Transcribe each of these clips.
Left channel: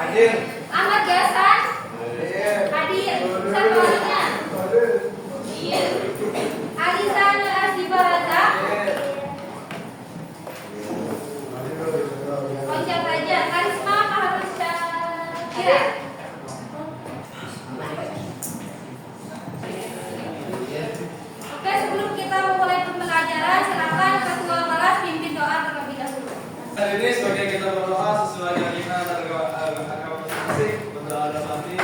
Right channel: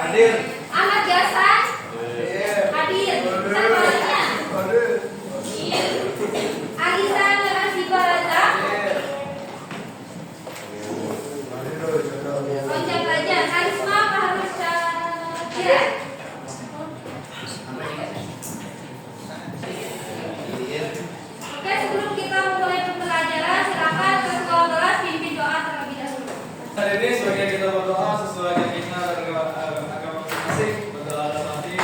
Hadir. Ahmad Gasan. Hadir. Siapa lainnya? Alizan Rasiba Raza. Loncat aja. Karisma Harus Syakira. Oke, sebelum kita memulai pembelajaran, silakan ketua kelas pimpin doa terlebih dahulu. Hari ini sebagai kita berdoa sesuai yang kita agama masing berdoa dalam hati.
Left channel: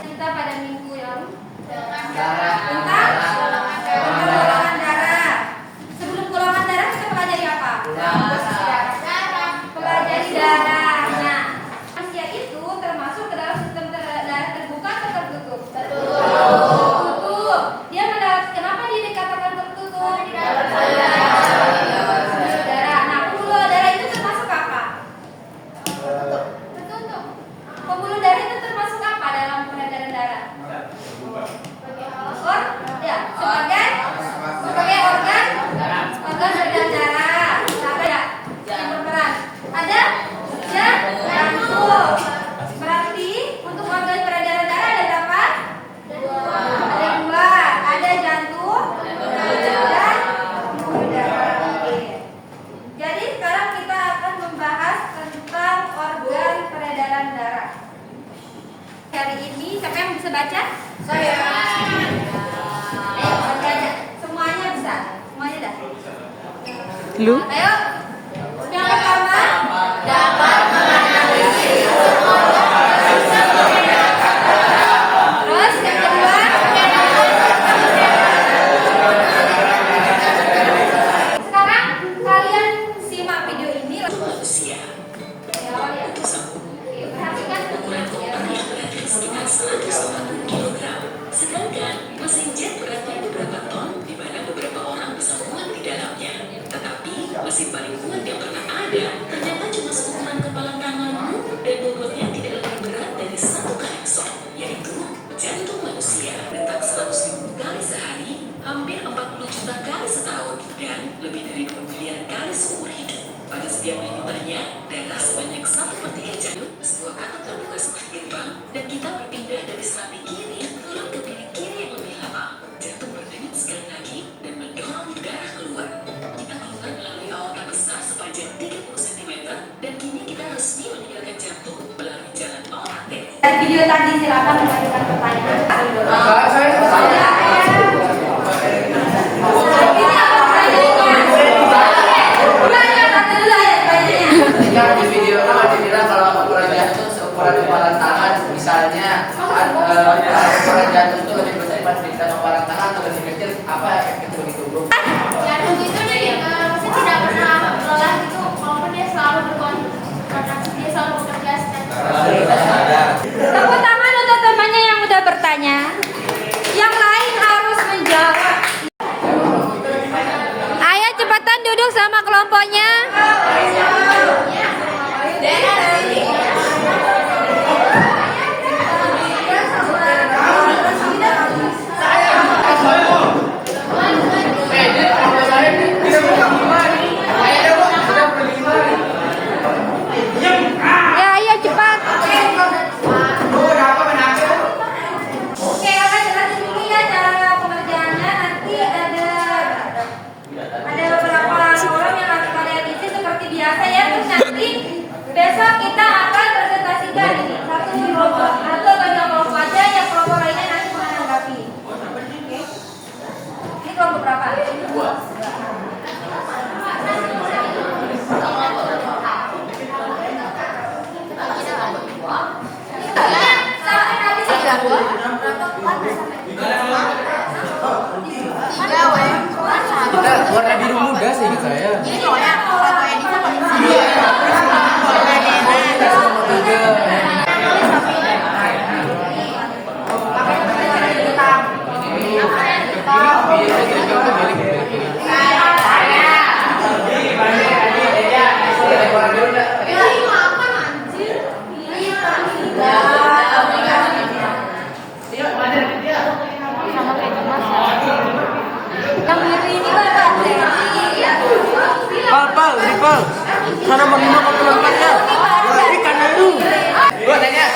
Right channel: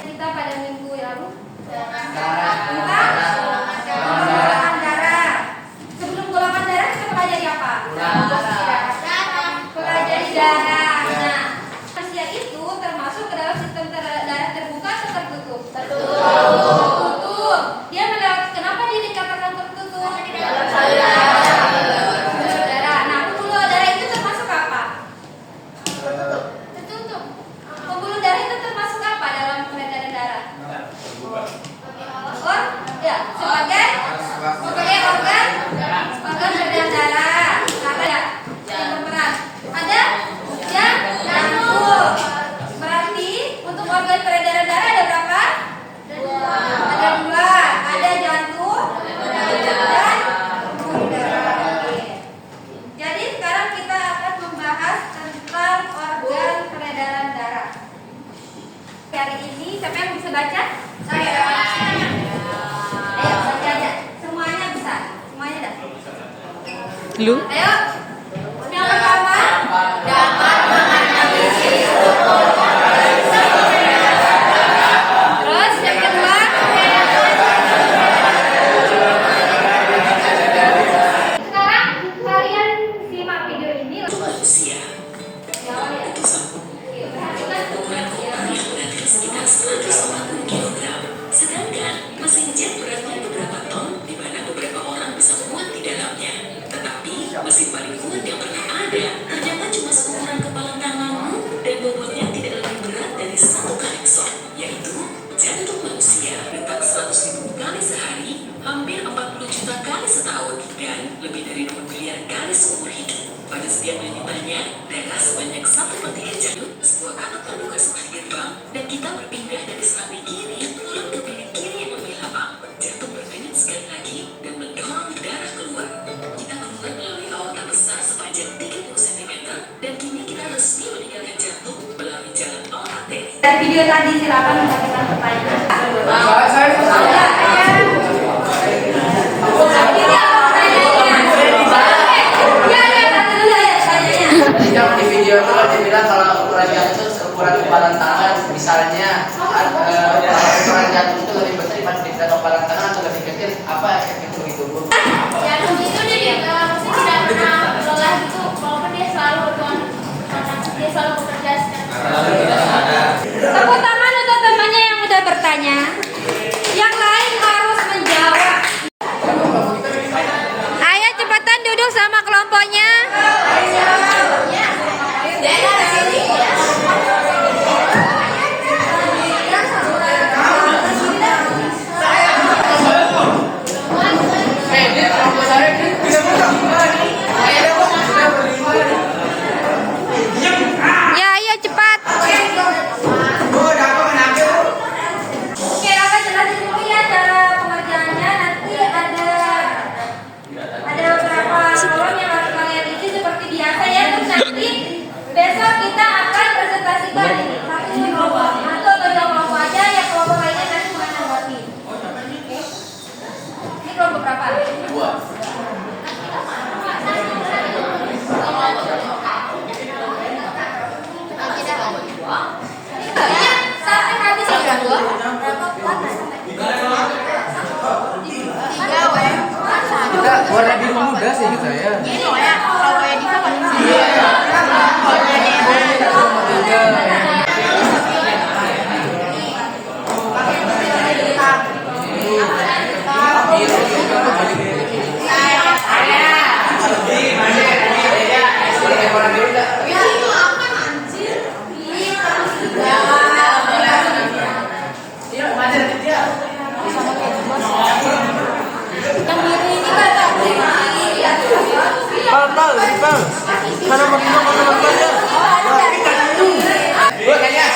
Kita pada minggu yang tentang golongan darah. Sebelum golongan darah kita pelajari apa? Pelajari darah. Nah, manusia itu termasuk ke dalam sistem darah terbuka atau tertutup? Tertutup. Dia melewati, kenapa dia dikatakan tertutup? Pembuluh darah. Nah, pembuluh darah itu termasuk apa? Tertutup. Pembuluh darah itu termasuk apa dalam peredaran darah? Sebagai organ peredaran darah. Ada yang berperan. Ada jantung. Berarti untuk organ peredaran darah ada berapa? Ada dua. Ada jantung dan pembuluh darah. Jadi sekarang kita akan membahas tentang organ peredaran darah. Hari ini siapa yang bisa baca? Saya. Ayo baca aja. Semuanya bisa. Semuanya dah. Lu? Ayo. Yang pertama, dapat menganalisis terus yang kedua, sekarang kalian simak video ini. manusia. Ya, ya. Oke, perhatikan ya. Sekitar 150 kg. Sedangkan mesin jet beratnya beberapa ton, di mana beberapa orang bisa muat di dalamnya. Tetapi mesin paling kuat yang pernah ada ternyata cuma seukuran kepala tanganmu dan bobotnya tidak lebih berat dari 1 kalengson, yaitu jantung manusia. Bertak 100.000 kali sehari, hampir 40 juta kali setahun, dan lebih dari 2 miliar kali seumur hidup. Pada setiap minutnya, darah sebanyak 1/3 jantung, sebuah kantung terbuka seperti gerbang, dan kita berpindah dari serambi kiri lalu ke piring kiri yang lebih lapang. Jantung berdenyut sekali lagi dan mendorong darah keluar. Kita keluar melalui aorta besar sepanjang 30 cm, dan kini kita resmi meninggalkan jantung melalui jalan arteri. Dan video tadi silakan mengajukan pertanyaan. Jangan di video itu dibilang kalau ukurannya itu seukuran kepalan tangan, misalnya ukuran jantung itu lebih besar dibandingkan kepalan tangan atau lebih kecil, apa yang kecil itu bu? Jantung itu dia maksudnya tidak pernah lelah gitu, walaupun dia selalu dia selalu bekerja secara. Tepuk tangan untuk temannya yang udah bertanya. Yang lain harus menjawab. Ayo cepetan duduk sama kelompoknya. Gua nanya.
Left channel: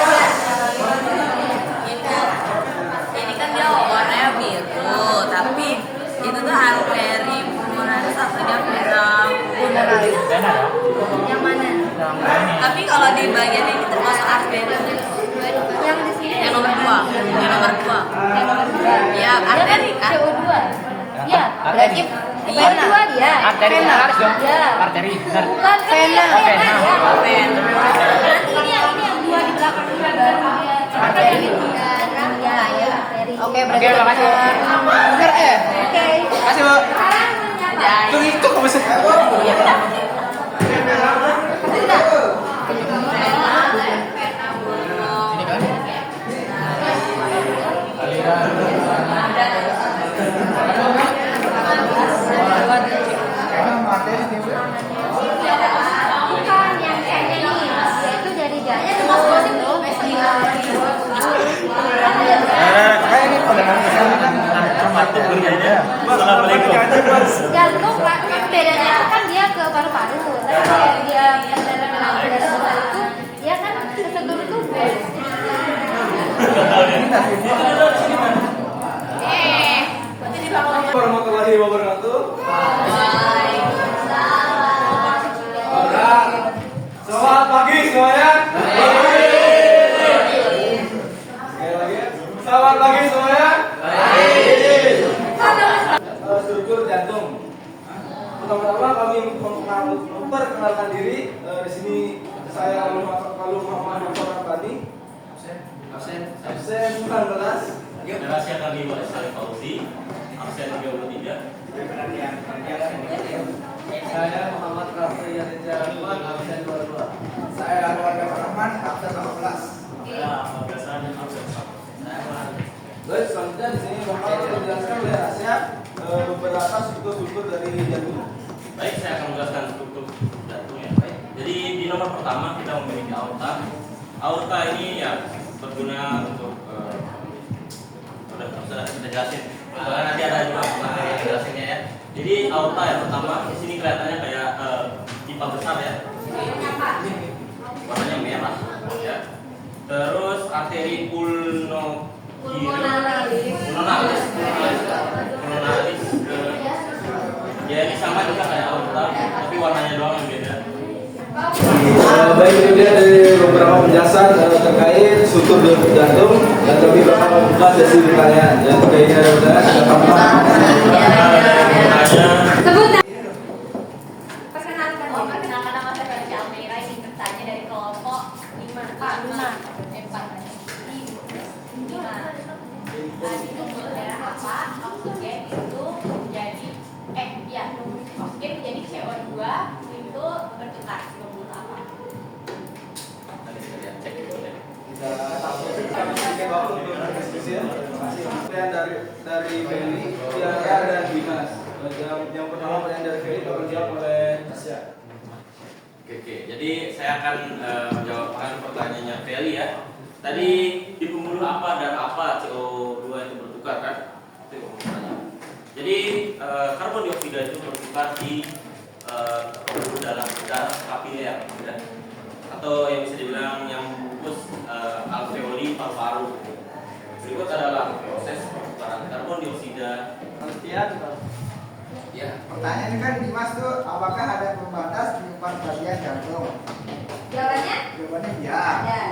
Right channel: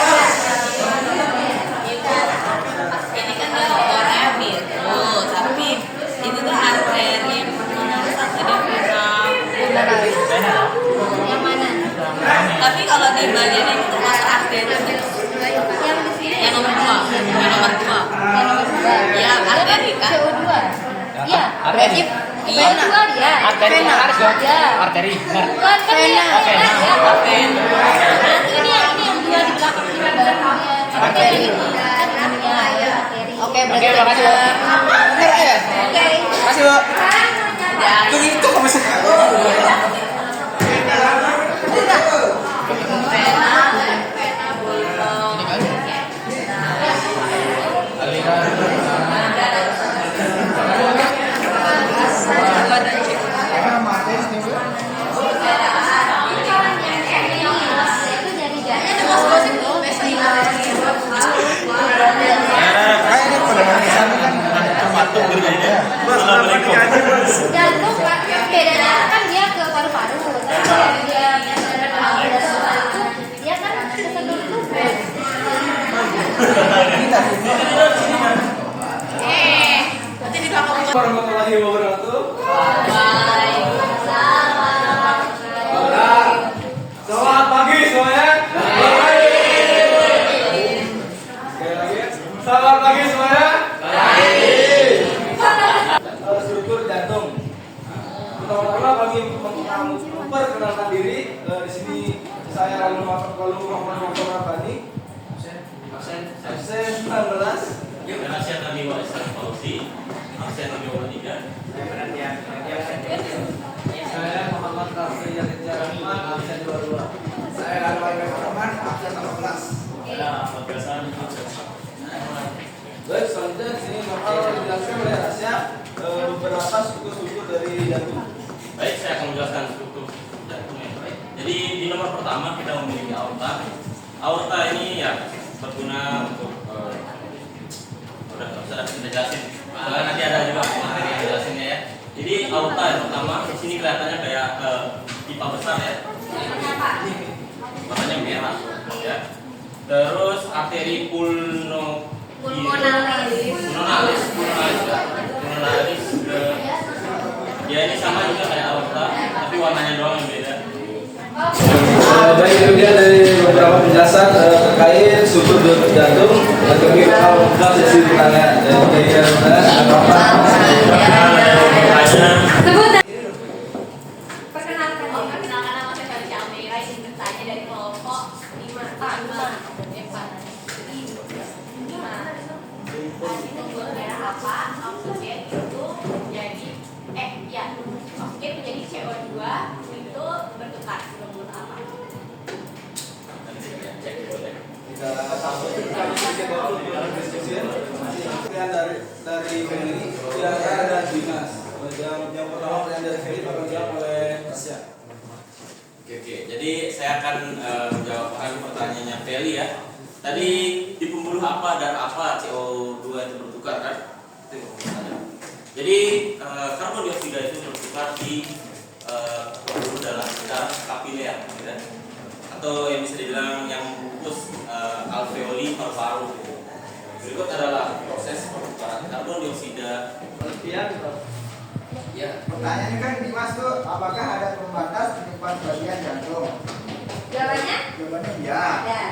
Ini kan dia warnanya biru, tapi itu tuh arteri pulmonalis atau dia vena pulmonalis. Yang mana? Tapi kalau di bagian ini termasuk arteri. Yang di sini. Yang nomor 2. Yang nomor 2. Yang nomor 2. Ya, arteri kan. CO2. Iya, berarti vena. Dia. Vena. Ya. Arteri. Benar. Bukan vena. Vena. Ya. Berarti ini yang dua di belakang ini adalah dia. Arteri. Ya, ya, arteri. Oke, makasih. Benar ya? Oke. Makasih, Bu. Sekarang Ya, Itu masih. Ini kan? yang ini yaitu dari jantung. Assalamualaikum. Jantung bedanya kan dia ke paru-paru. Tapi kalau dia dari paru-paru itu dia kan ke seluruh tubuh. Warahmatullahi wabarakatuh. Selamat pagi semuanya. Sekali lagi. Selamat pagi semuanya. Struktur jantung. Pertama-tama kami memperkenalkan diri. Di sini saya Lalu Muhammad Rabbani. Absen 19. Rahasia kami Waisan Fauzi, absen 23. Saya Muhammad Rafi Rahman, absen 22. Saya Lalu Rahman, absen 18. Ahmad Gasan, absen 1. Baik, selanjutnya di sini bakal dijelaskan oleh Rasya beberapa struktur dari jantung. Baik, saya akan menjelaskan struktur jantung ya. Baik. Jadi di nomor pertama kita memiliki aorta. Aorta ini ya berguna untuk udah kita jelasin. Bahkan nanti ada juga materi yang jelasinnya ya. Jadi aorta yang pertama di sini kelihatannya kayak pipa besar ya. Warnanya merah ya. Terus arteri pulmonalis ya ini sama juga kayak aorta tapi warnanya doang yang beda. Baik, itu dia dari beberapa penjelasan terkait struktur jantung dan kami bakal membuka sesi pertanyaan. Dan jika ini ada pertanyaan, silakan. Perkenalkan. Perkenalkan nama saya Felicia Almeida, izin bertanya dari kelompok 5. Pak, 5. Tadi pembuluh darah apa? Oksigen itu jadi oksigen menjadi CO2 itu bertukar pembuluh apa? Nanti saya cek dulu deh. Kita kami sedikit waktu untuk berdiskusi ya. Pertanyaan dari Feli, Tiara dan Dimas. Yang pertama pertanyaan dari Feli bakal dijawab oleh Tasya. Oke. Jadi saya akan menjawab pertanyaannya Feli ya. Tadi di pembuluh apa dan apa CO2 itu bertukar kan? Itu yang pertanyaan. Jadi karbon dioksida itu bertukar di pembuluh dalam sekitar kapiler, ya? Atau yang bisa dibilang yang membungkus alveoli paru-paru. Berikut adalah proses pertukaran karbon dioksida. Penelitian. Ya. Pertanyaannya kan Dimas tuh, apakah ada pembatas penyumbang bagian jantung? Jawabannya? Jawabannya ya. Ya.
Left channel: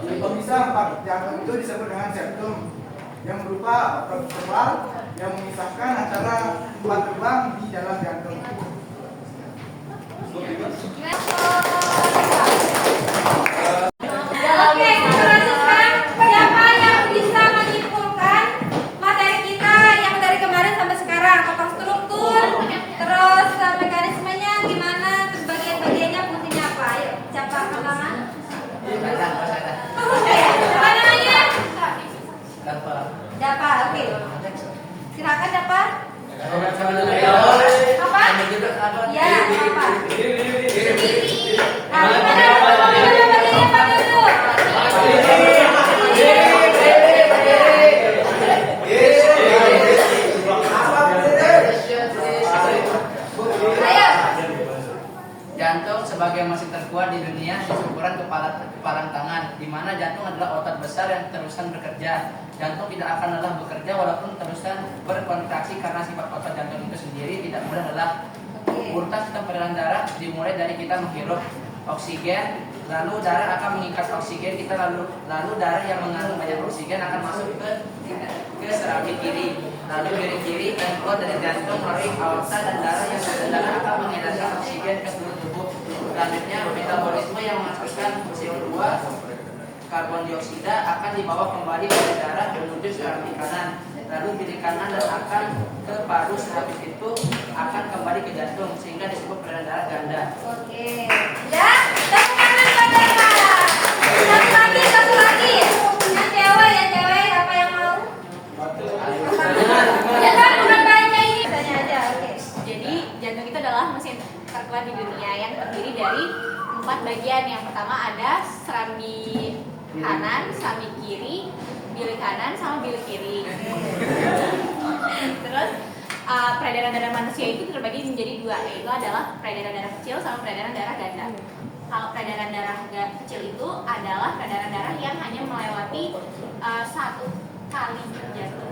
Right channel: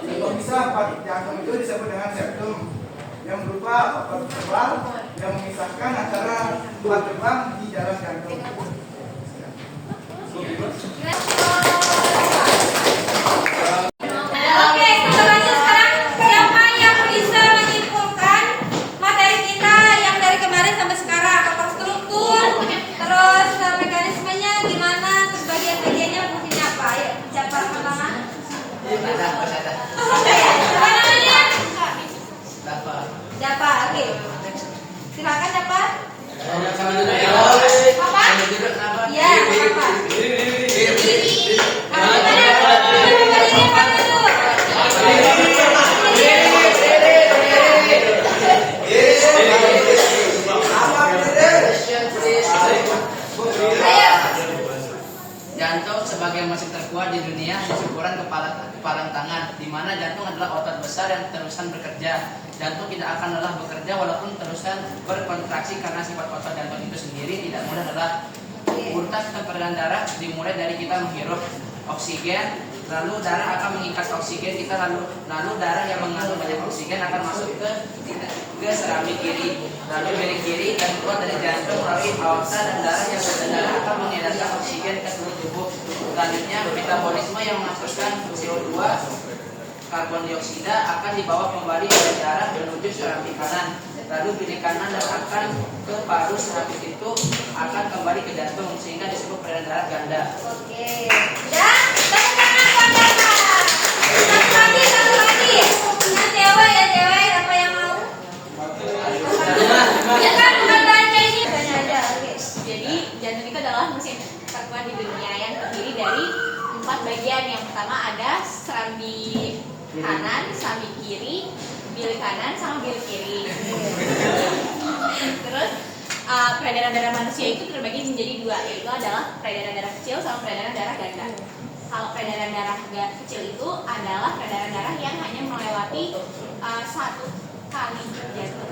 Kok bisa empat jantung itu disebut dengan septum yang berupa otot tebal yang memisahkan antara empat lubang di dalam jantung. Oke, kita lanjut sekarang. Siapa yang bisa menyimpulkan materi kita yang dari kemarin sampai sekarang? Apa struktur, terus mekanismenya gimana, terus bagian-bagiannya fungsinya apa? Ayo, siapa pertama? Apa namanya? Dapat, oke. Silakan dapat. Apa? Ya, apa? Nah, gimana? Bagiannya apa tuh? Ayo. Jantung sebagai mesin terkuat di dunia di ukuran kepalan tangan, di mana jantung adalah otot besar yang terusan bekerja. Jantung tidak akan lelah bekerja walaupun terusan berkontraksi karena sifat otot jantung itu sendiri tidak mudah lelah. Urutan peredaran darah dimulai dari kita menghirup oksigen, lalu darah akan mengikat oksigen kita, lalu darah yang mengandung banyak oksigen akan masuk ke serambi kiri, lalu dari kiri dan keluar dari jantung melalui aorta, dan darah akan mengedarkan oksigen ke seluruh tubuh. Selanjutnya metabolisme yang menghasilkan CO2 karbon dioksida akan dibawa kembali dari darah menuju serambi kanan, lalu kiri kanan dan akan ke paru. Sehabis itu akan kembali ke jantung sehingga disebut peredaran darah ganda. Oke. Ya, tepuk tangan buat Bapak. Satu lagi. Yang cewek, apa yang mau? Ya kan, bukan kayak ini. Tanya aja, oke. Jadi jantung itu adalah mesin terkuat di dunia yang terdiri dari 4 bagian. Yang pertama ada serambi kanan, serambi kiri, bilik kanan, sama bilik kiri. Terus peredaran darah manusia itu terbagi menjadi 2, yaitu adalah peredaran darah kecil sama peredaran darah ganda. Kalau peredaran darah kecil itu adalah peredaran darah yang hanya melewati 1 kali jantung.